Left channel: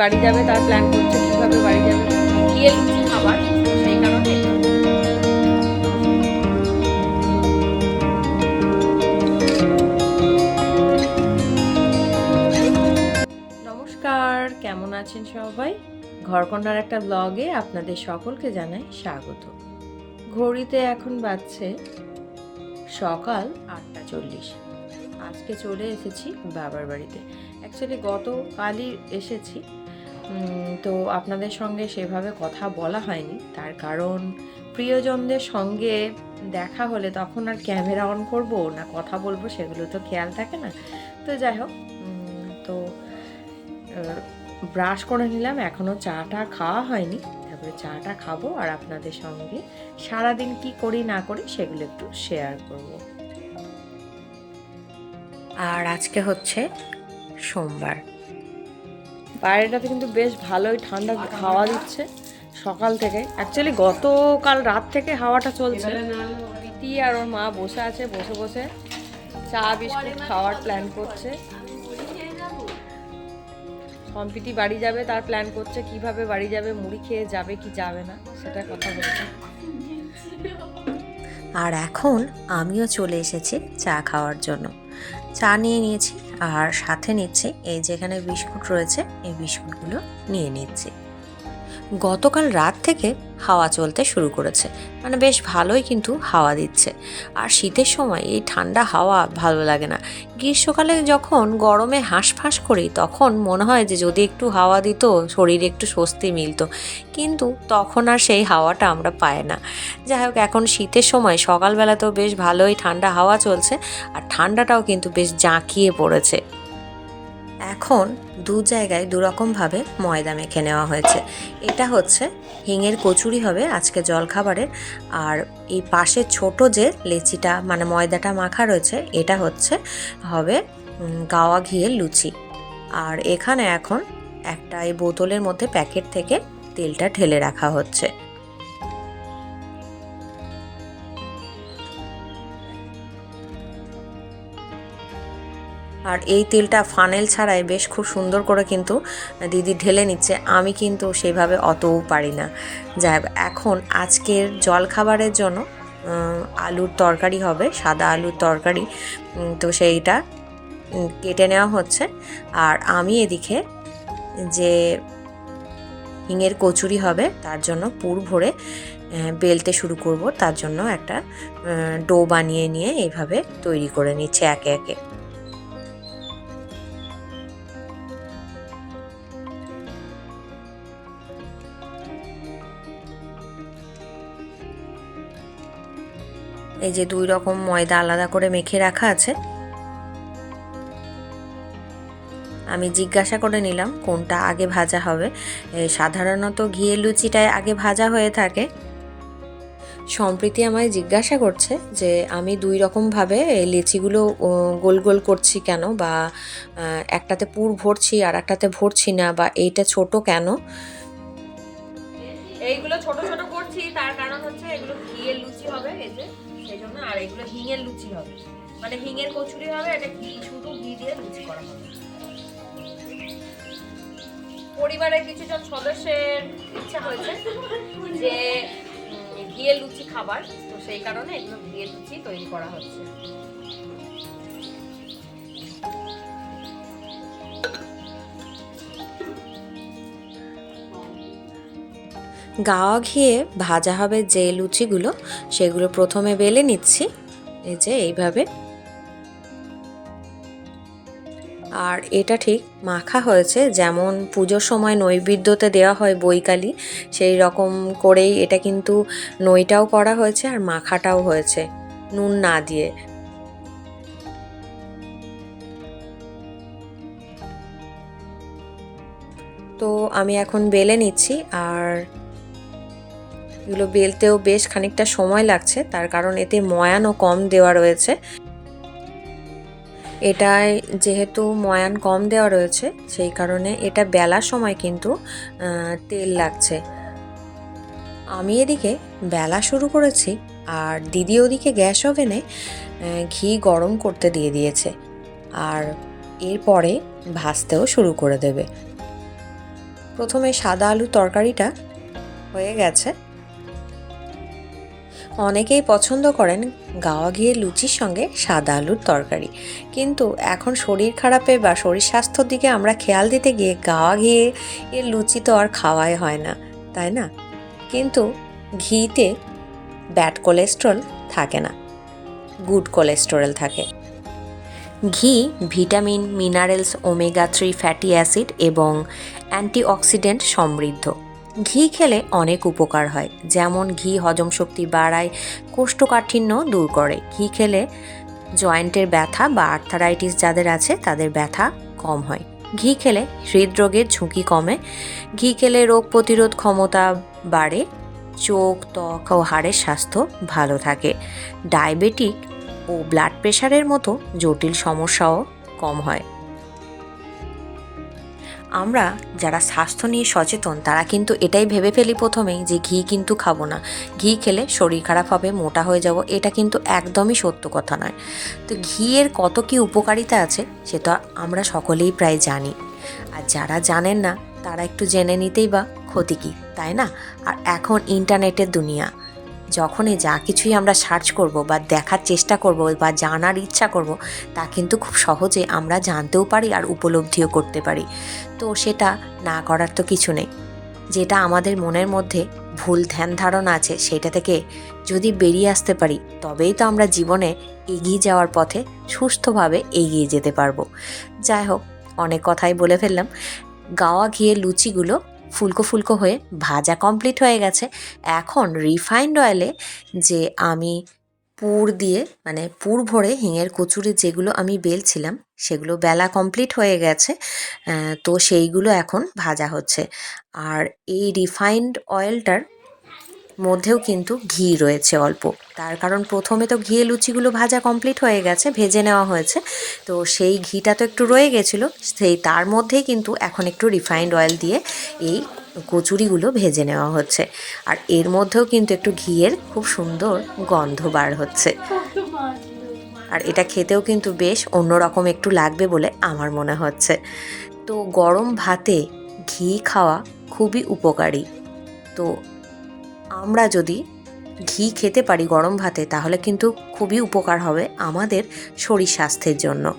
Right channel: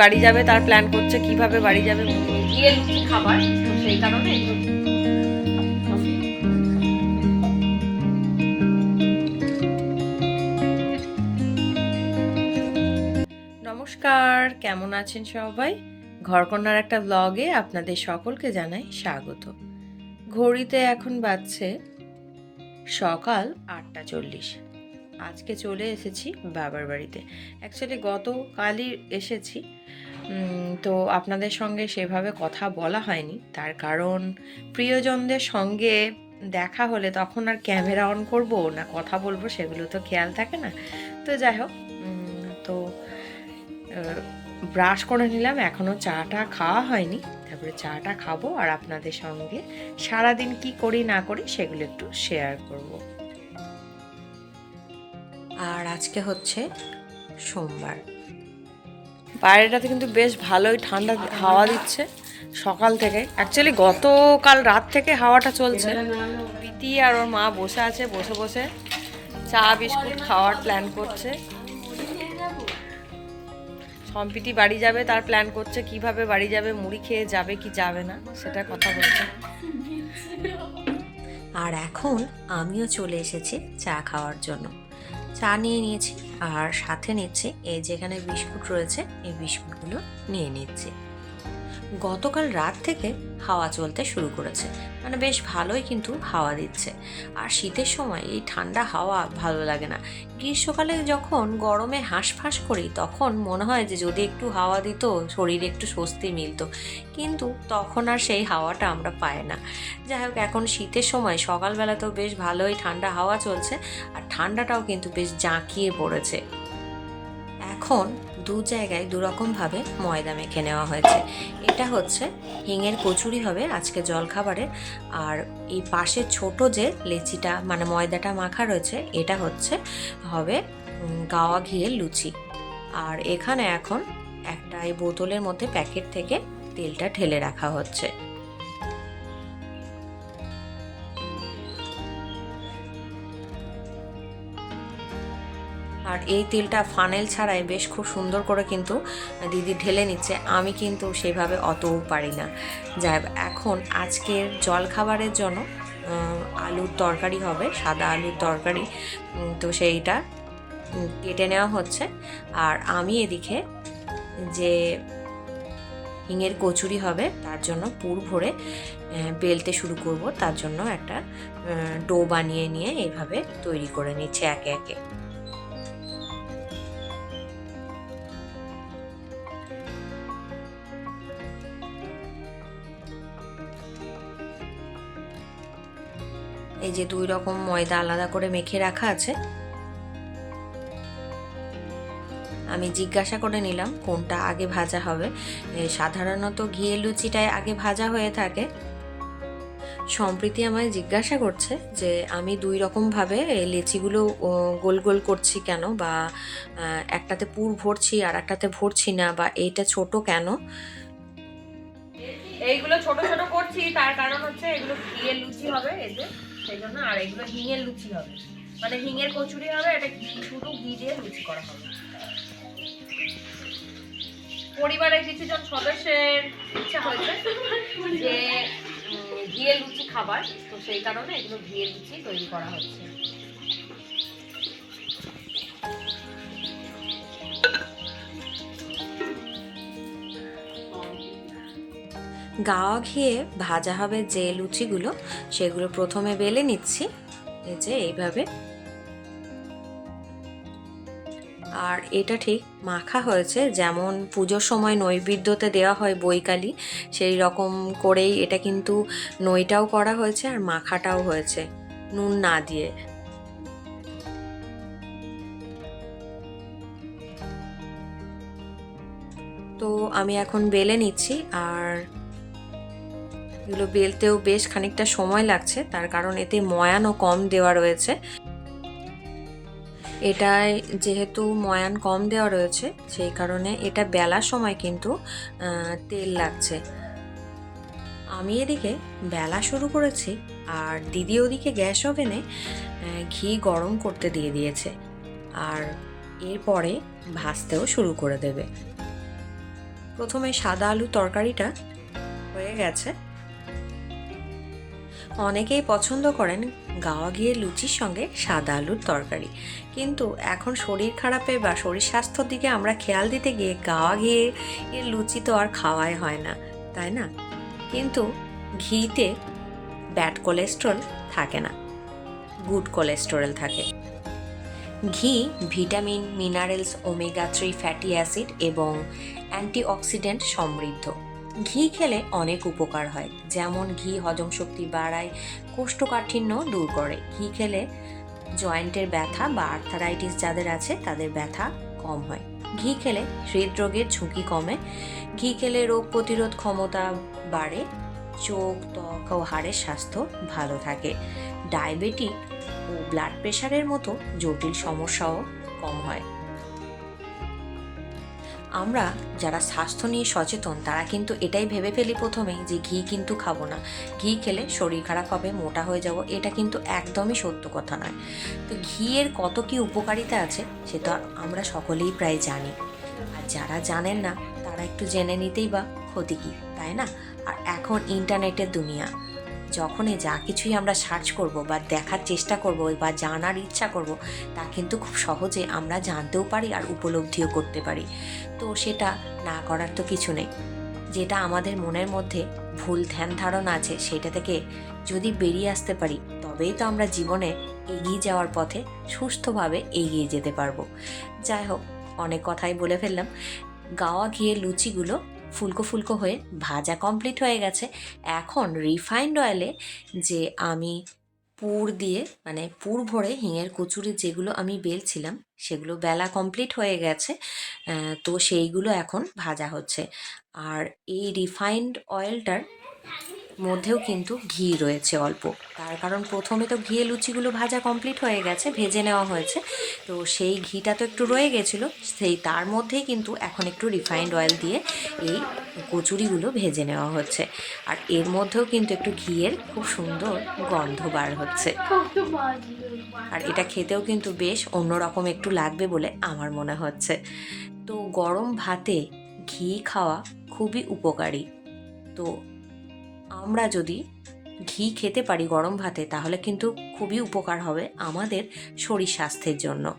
বাড়ি যাবে, তার প্ল্যান করছে কীভাবে বাড়ি যাবে গিয়ে লুচি খাবার, সেই কারণে নমস্কার, কেমন আছেন সবাই? ঘরকন্যার একটা ব্লগে আপনাদের সকলকে জানাই স্বাগত। ঘড়িতে এখন বাজছে সকাল আটটা চল্লিশ। আজকে চলে এসেছি বাবার বাড়িতে। অ্যাকচুয়ালি গতকালই এসেছি। তো আপনাদের সঙ্গে সেভাবে কথা বলা হয়নি। তার কারণ প্রিয়জনদের সঙ্গে দেখা হলে তখন আর ক্যামেরা অন করব না কথা বলব সেগুলো তো খেয়াল থাকে না। তো যাই হোক তো ব্রাশ করে নিলাম এখনও চাটা খাওয়া হয়নি। তারপরে চাটা খাব আর আপনাদের সঙ্গে সারাদিন কি করি না করি সেগুলো একটু শেয়ার করব। আর আজকে হচ্ছে সোমবার। বাইরেটাতে কিন্তু বেশ ভালোই ঠান্ডা হাওয়া দিচ্ছে সকাল থেকে। অ্যাকচুয়ালি গতকাল রাত থেকে হাওয়াটা চলছে। প্রীতি আর ওর মা বসে আছে, বসে বসে চা, বিস্কুট খাওয়ার প্ল্যান করছে। সম্প্রীতি বাড়ি যাবে, তার প্ল্যান করছে কীভাবে বাড়ি যাবে, মুড়ি খেয়ে যাবে কি যাবে না, সেটা কথা বলছে। আর এখন আমিও চলে এসেছি চা খাওয়ার জন্য। চা নিয়ে নিয়েছি। আর সাথে নিচ্ছে এই যেখানে বিস্কুট রয়েছে এই বিস্কুটগুলো নিয়ে নিচ্ছি। গতকাল রাত থেকে হাওয়া চলতে শুরু করেছে। মানে বেশ ভালোই কিন্তু হাওয়া দিচ্ছে। আর শীতের সময় এই ঠান্ডা হাওয়া ভালো লাগে না। গ্রীষ্মকালে যখন গরমে হাঁসফাঁস করি, তখন মনে হয় যে যদি একটু হাওয়া দিত, শরীরে একটু স্বস্তি মিলতো। কিন্তু তখন আর সেই হাওয়াটা আমরা পাই না। যাই হোক, এখন শীতের সময় সকালবেলাতেও বেশ ভালোই ঠান্ডা হাওয়া চলছে। আর ঠান্ডাটাও কিন্তু বেশ জাঁকিয়ে পড়েছে। এখন দু জায়গায় দুরকমভাবে ময়দা মেখে নেওয়া হয়েছে। এটা হচ্ছে হিঙের কচুরি হবে আজকে জলখাবারের আর এই পাশের ছোট যে লেচিটা মানে ময়দাটা মাখা রয়েছে, এটা হচ্ছে হবে গাওয়া ঘিয়ের লুচি। আর এখানে এখন একটা এই বোতলের মধ্যে প্যাকেট থেকে তেলটা ঢেলে রাখা হচ্ছে। আর এই তেলটা ফানেল ছাড়াই বেশ খুব সুন্দর করে কিন্তু দিদি ঢেলে নিচ্ছে। আমি কিন্তু সেভাবে অতও পারি না। যাই এখন আজকের জলখাবারের জন্য আলুর তরকারি হবে, সাদা আলুর তরকারি। তো সেইটা কেটে নেওয়া হচ্ছে। আর আমি এদিকে যে হিঙের কচুরি হবে, তার জন্য পুর ভরে বেলতে শুরু করব। তার জন্য একটা ডো বানিয়ে নিয়ে এইভাবে তৈরি করে নিচ্ছে একে একে। এই যে দুই রকম ময়দা আলাদা করে মেখে রাখা আছে। আমি জিজ্ঞাসা করে নিলাম কোনটা আগে ভাজা হবে। সাধারণত ঘিয়ের লুচিটায় আগে ভাজা হয়ে থাকে। সম্প্রীতি আমায় জিজ্ঞাসা করছে যে, আমি দুই রকমভাবে এই লেচিগুলো গোল গোল করছি কেন? বা একটাতে পুর ভরছি আর একটাতে ভরছি না, বা এইটা ছোট কেন? এইগুলো ছোট ছোট করছি, তার কারণ হচ্ছে এগুলো ঘিয়ের লুচি হবে এই যে, সেই জন্য আর এগুলো হিঙের লুচি হবে। মানে হিঙের কচুরি হবে, এটা ঘি, শুধু ঘি দিয়ে লুচি করা হবে। পরিবারের কিছু কিছুজন সদস্যের ইচ্ছা হয়েছে যে ঘিয়ে ঘিয়ের লুচি খাবার, তো সেই কারণে এগুলো ঘিয়ের লুচি তৈরি করা হচ্ছে। গাওয়া ঘিয়ে ভাজা হবে যে লুচিগুলো, সেগুলো প্রথমে বেলে নিচ্ছি। এই যে এইভাবে। আর এটা ঠিক মাখা হয়েছে, যেমন পুজোর সময় নৈবেদ্যতে দেওয়া হয় বৈকালি সেই রকম করেই এটা কিন্তু নইটাও করা হয়েছে আর মাখাটাও হয়েছে, নুন না দিয়ে। তো আমি এখন বেলে নিচ্ছি, আর এগুলো বেলতেও বেশ খানিকটা সময় লাগছে, তার কারণ এতে ময়ানও কম দেওয়া রয়েছে। এটায় যেহেতু ময়ান কম দেওয়া রয়েছে, সেই কারণে এটা বেলার সময় কিন্তু তেল লাগছে। আমি এদিকে বেলা শুরু করেছি, আর দিদি ওদিকে গ্যাস ওভেনে ঘি গরম করতে দিয়ে দিয়েছে, আর এরপরে ভাজতেও শুরু করে দেবে। প্রথমে সাদা আলু তরকারিটা হয়ে গেছে অনেকেই পছন্দ করেন গাওয়া ঘিয়ে লুচির সঙ্গে সাদা আলুর তরকারি। কিন্তু এখন শরীর খারাপে বা শরীর স্বাস্থ্যর দিকে আমরা খেয়াল দিতে গিয়ে গাওয়া ঘিয়ে লুচি তো আর খাওয়াই হয় না, তাই না? কিন্তু ঘিতে ব্যাড কোলেস্ট্রল থাকে না, গুড কোলেস্টেরল থাকে। ঘি, vitamin, minerals, omega three fatty acid এবং অ্যান্টিঅক্সিডেন্ট সমৃদ্ধ। ঘি খেলে অনেক উপকার হয়। যেমন ঘি হজম শক্তি বাড়ায়, কোষ্ঠকাঠিন্য দূর করে। ঘি খেলে জয়েন্টের ব্যথা বা আর্থারাইটিস যাদের আছে তাদের ব্যথা কম হয়। ঘি খেলে হৃদরোগের ঝুঁকি কমে। ঘি খেলে রোগ প্রতিরোধ ক্ষমতা বাড়ে। চোখ, ত্বক ও হাড়ের স্বাস্থ্য ভালো থাকে। ডায়াবেটিক ও ব্লাড প্রেশারের মতো জটিল সমস্যাও কম হয়। আমরা যারা স্বাস্থ্য নিয়ে সচেতন, তারা কিন্তু এটাই ভেবে ফেলি প্রথমেই যে ঘি কিন্তু খাব না। ঘি খেলে শরীর খারাপ হবে, মোটা হয়ে যাব, এটা কিন্তু একদমই সত্য কথা নয়। তো ঘিয়ের কত কি উপকারিতা আছে, সেটা আমরা সকলেই প্রায় জানি। আর যারা জানেন না, তারা একটু জেনে নিতেই বা ক্ষতি কী, তাই না? আর এখন ইন্টারনেটের দুনিয়া। যখনই যা কিছুই আমরা সার্চ করব বা দেখার চেষ্টা করব বা জানার ইচ্ছা করব, তা কিন্তু খুব সহজে আমরা জানতেও পারি আর উপলব্ধিও করতে পারি। তো সেটা না করার তো কিছু নেই। যেটা আমাদের মনের মধ্যে ভুল ধ্যান ধারণা আছে সেটা থেকে যদি বেরিয়ে আসতে পারি, তবেই তো আমরা জীবনে এগিয়ে যাওয়ার পথে সুস্থভাবে এগিয়ে যেতে পারব। যাই হোক, অনেক কথাই বলে ফেললাম। গাওয়া ঘিয়ে লুচিগুলো ফুলকো ফুলকো হয়ে ভাজা কমপ্লিট হয়ে গেছে। এখন রিফাইন্ড অয়েলে যে আমি পুর দিয়ে মানে পুর ভরে হিঙের কচুরি যেগুলো আমি বেলছিলাম, সেগুলো বেলা কমপ্লিট হয়ে গেছে তো সেইগুলো এখন ভাজা হচ্ছে। আর এই রিফাইন্ড অয়েলটার মধ্যেও কিন্তু ঘি রয়েছে অল্প। তার কারণ প্রথমে তো ঘিয়ে লুচিগুলো ভাজা কমপ্লিট হয়ে গেছে, ভেজে নেওয়া হয়েছে। তো সেই ঘিটা তো একটু রয়ে গেছিল, সেই তার মধ্যেই কিন্তু এখন একটু রিফাইন্ড অয়েল দিয়ে এই কচুরিগুলো ভেজে নেওয়া হচ্ছে। আর এর মধ্যেও কিন্তু একটু ঘিয়ের খুব সুন্দর গন্ধ বার হচ্ছে। আর এটা খেতেও কিন্তু বেশ অন্যরকম একটু লাগবে বলে আমার মনে হচ্ছে। তো গরম ভাতে ঘি খাওয়া খুবই উপকারী। তো আমরা যদি ঘি খেতে পারি গরম ভাতে, তাহলে কিন্তু খুবই উপকার হবে আমাদের শরীর স্বাস্থ্যের জন্য।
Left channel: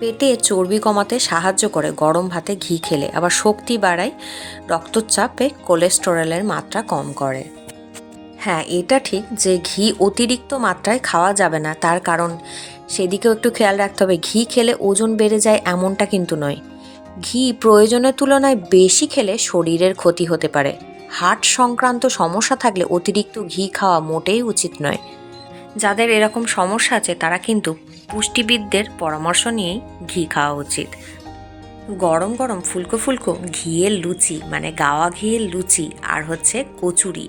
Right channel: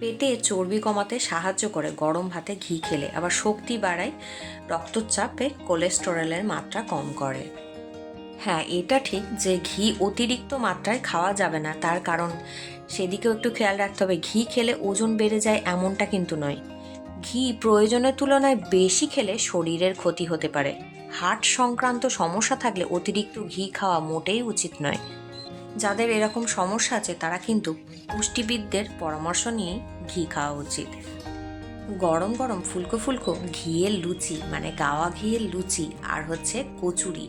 পেটে চর্বি কমাতে সাহায্য করে গরম ভাতে ঘি খেলে, আবার শক্তি বাড়ায় রক্তচাপে কোলেস্টেরলের মাত্রা কম করে। হ্যাঁ এটা ঠিক যে ঘি অতিরিক্ত মাত্রায় খাওয়া যাবে না, তার কারণ সেদিকেও একটু খেয়াল রাখতে হবে। ঘি খেলে ওজন বেড়ে যায় এমনটা কিন্তু নয়। ঘি প্রয়োজনের তুলনায় বেশি খেলে শরীরের ক্ষতি হতে পারে। হার্ট সংক্রান্ত সমস্যা থাকলে অতিরিক্ত ঘি খাওয়া মোটেই উচিত নয়। যাদের এরকম সমস্যা আছে, তারা কিন্তু পুষ্টিবিদদের পরামর্শ নিয়েই ঘি খাওয়া উচিত। গরম গরম ফুলকো ফুলকো ঘিয়ের লুচি মানে গাওয়া ঘিয়ের লুচি আর হচ্ছে কচুরি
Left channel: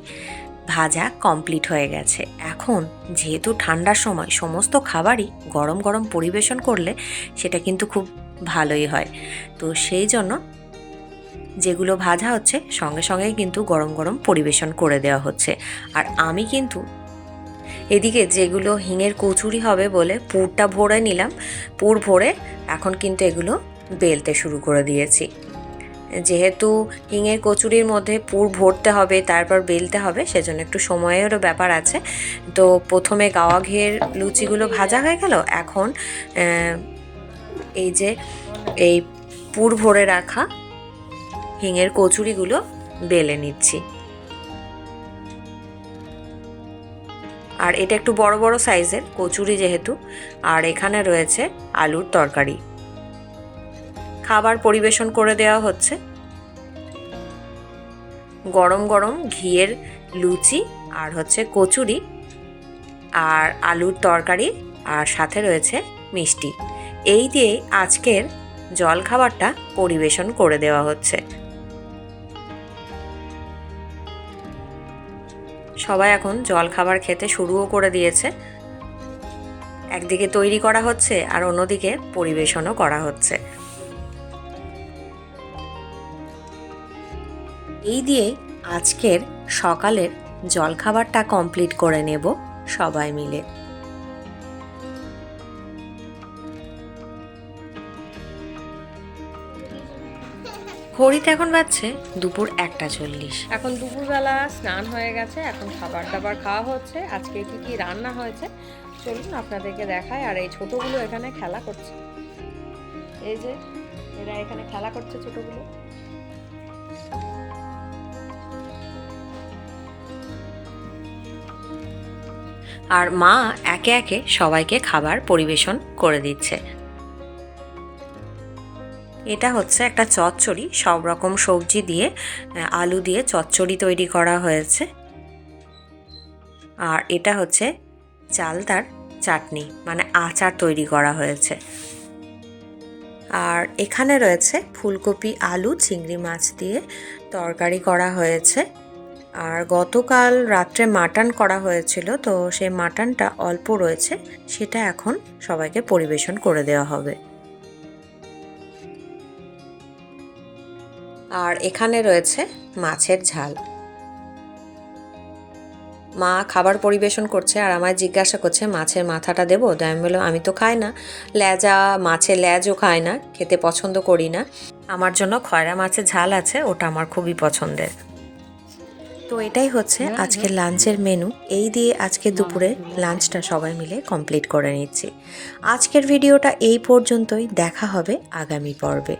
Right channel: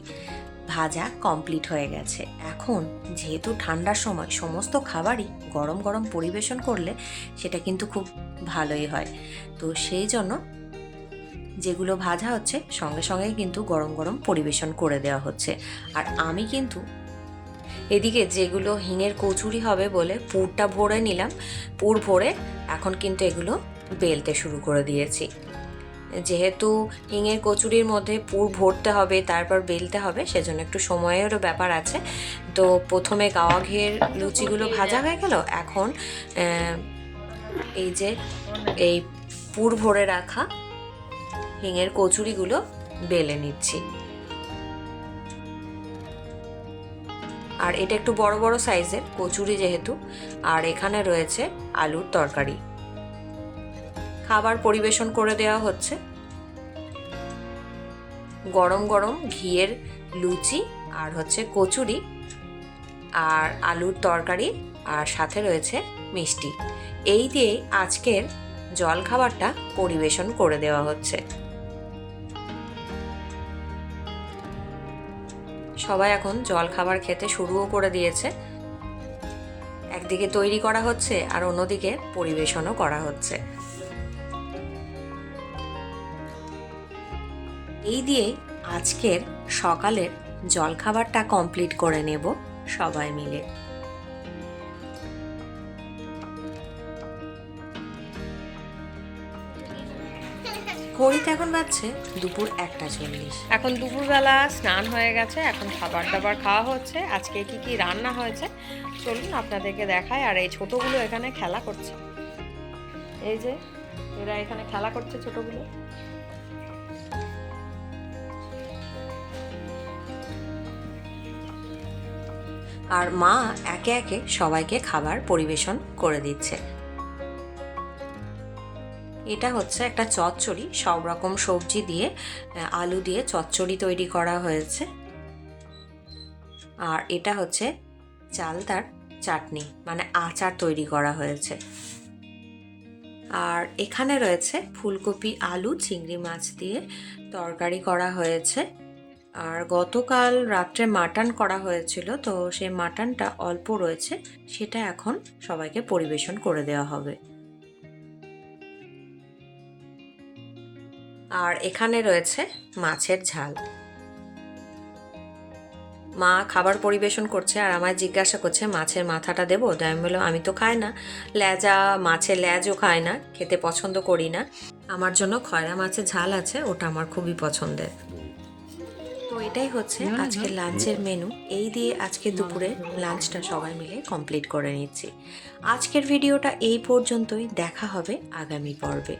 ভাজা কমপ্লিট হয়ে গেছে। এখন যেহেতু ঠান্ডার সময় সমস্ত খাবারই গরম গরম পরিবেশন করলে সেটা কিন্তু খুব ভালোই হয়। তো সেই জন্য যেগুলো ভাজা হচ্ছে সঙ্গে সঙ্গেই কিন্তু গরম গরম পরিবেশন করে দেওয়া হচ্ছে। আর আমি কিন্তু এদিকে যেগুলো হিঙের কচুরি হবে বলে পুরটা ভরে নিলাম, পুর ভরে এখন কিন্তু এগুলো বেলতে শুরু করে দিয়েছি। যেহেতু হিঙের কচুরির মধ্যে পুর ভরতে হবে, তারপর বেলতে হবে, সেজন্য একটু সময়েরও ব্যাপার আছে। তো প্রথমে গাওয়া ঘের লুচিগুলো ভাজা হয়ে গেল, এখন এই যে, এই পুর ভরে রাখা হিঙের কচুরিগুলো বেলে নিচ্ছি। আর এটা একটু বড় বড় সাইজের কচুরি যেহেতু, আর এখানে রয়েছে আলুর তরকারি। খাবার পরিবেশন করে দেওয়া হচ্ছে। গরম গরম ঘিয়ের লুচি আর হচ্ছে কচুরি আর আলুর তরকারি আর সাথে রয়েছে মিষ্টি। এই দিয়ে আজকের জল খাবারটা পরিবেশন করে দেওয়া হচ্ছে। সবাই এখন জল খাবার খেতে শুরুও করে দিয়েছে। একদিকে তৈরি করা হচ্ছে আর অন্যদিকে পরিবেশনও করা হচ্ছে। এই দিয়ে আজকের সকালের জলখাবারটা কমপ্লিট করে নেব সবাই মিলে। ঘড়িতে এখন বাজছে দুপুর একটা চল্লিশ। এখন দুপুরবেলা স্নান হয়ে গেছে এখন খাবার দাবার খাওয়া হচ্ছে। আজকে কি কি রান্না হয়েছে চলুন আপনাদেরকে দেখায় আর এই ছোটগুলো এখানে খেলা করছে। এই যে এরা এখানে খেলা করছে ছোটগুলো। আর মা একে একে সবাইকে খাবার পরিবেশন করে দিচ্ছে। এটা হচ্ছে একটা চচ্চড়ি। সব রকম সবজি দিয়ে আলু দিয়ে চচ্চড়ি তৈরি করা হয়েছে। আর এটা হচ্ছে চালতার চাটনি মানে আচার তৈরি করা হয়েছে। আর এখানে রয়েছে ফুলকপি, আলু, চিংড়ি মাছ দিয়ে তরকারি করা হয়েছে। আর গতকাল রাত্রে মাটন করা হয়েছিল, তো সেই মাটনটা অল্প রয়েছে, সেটা এখন সবাইকে পরিবেশন করে দেওয়া হবে। আর এখানে রয়েছে মাছের ঝাল। মা খাবার পরিবেশন করছে আর আমায় জিজ্ঞাসা করছে মাছের মাথাটা দেবো? তো আমি বললাম আমি তো খাই না। লেজা মাছের লেজও খাই না খেতে পছন্দ করি না। আমার জন্য খয়রা মাছের ঝাল আছে ওটা আমার খুবই পছন্দের। তো এটাই হচ্ছে আজকের লাঞ্চের মেনু। এই দিয়ে আজকে দুপুরে লাঞ্চটা সবাই মিলে কমপ্লিট করে নিচ্ছি। আজকের ভিডিওটা এই পর্যন্তই। দেখা হবে আগামী পর্বে।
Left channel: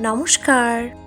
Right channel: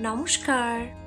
নমস্কার।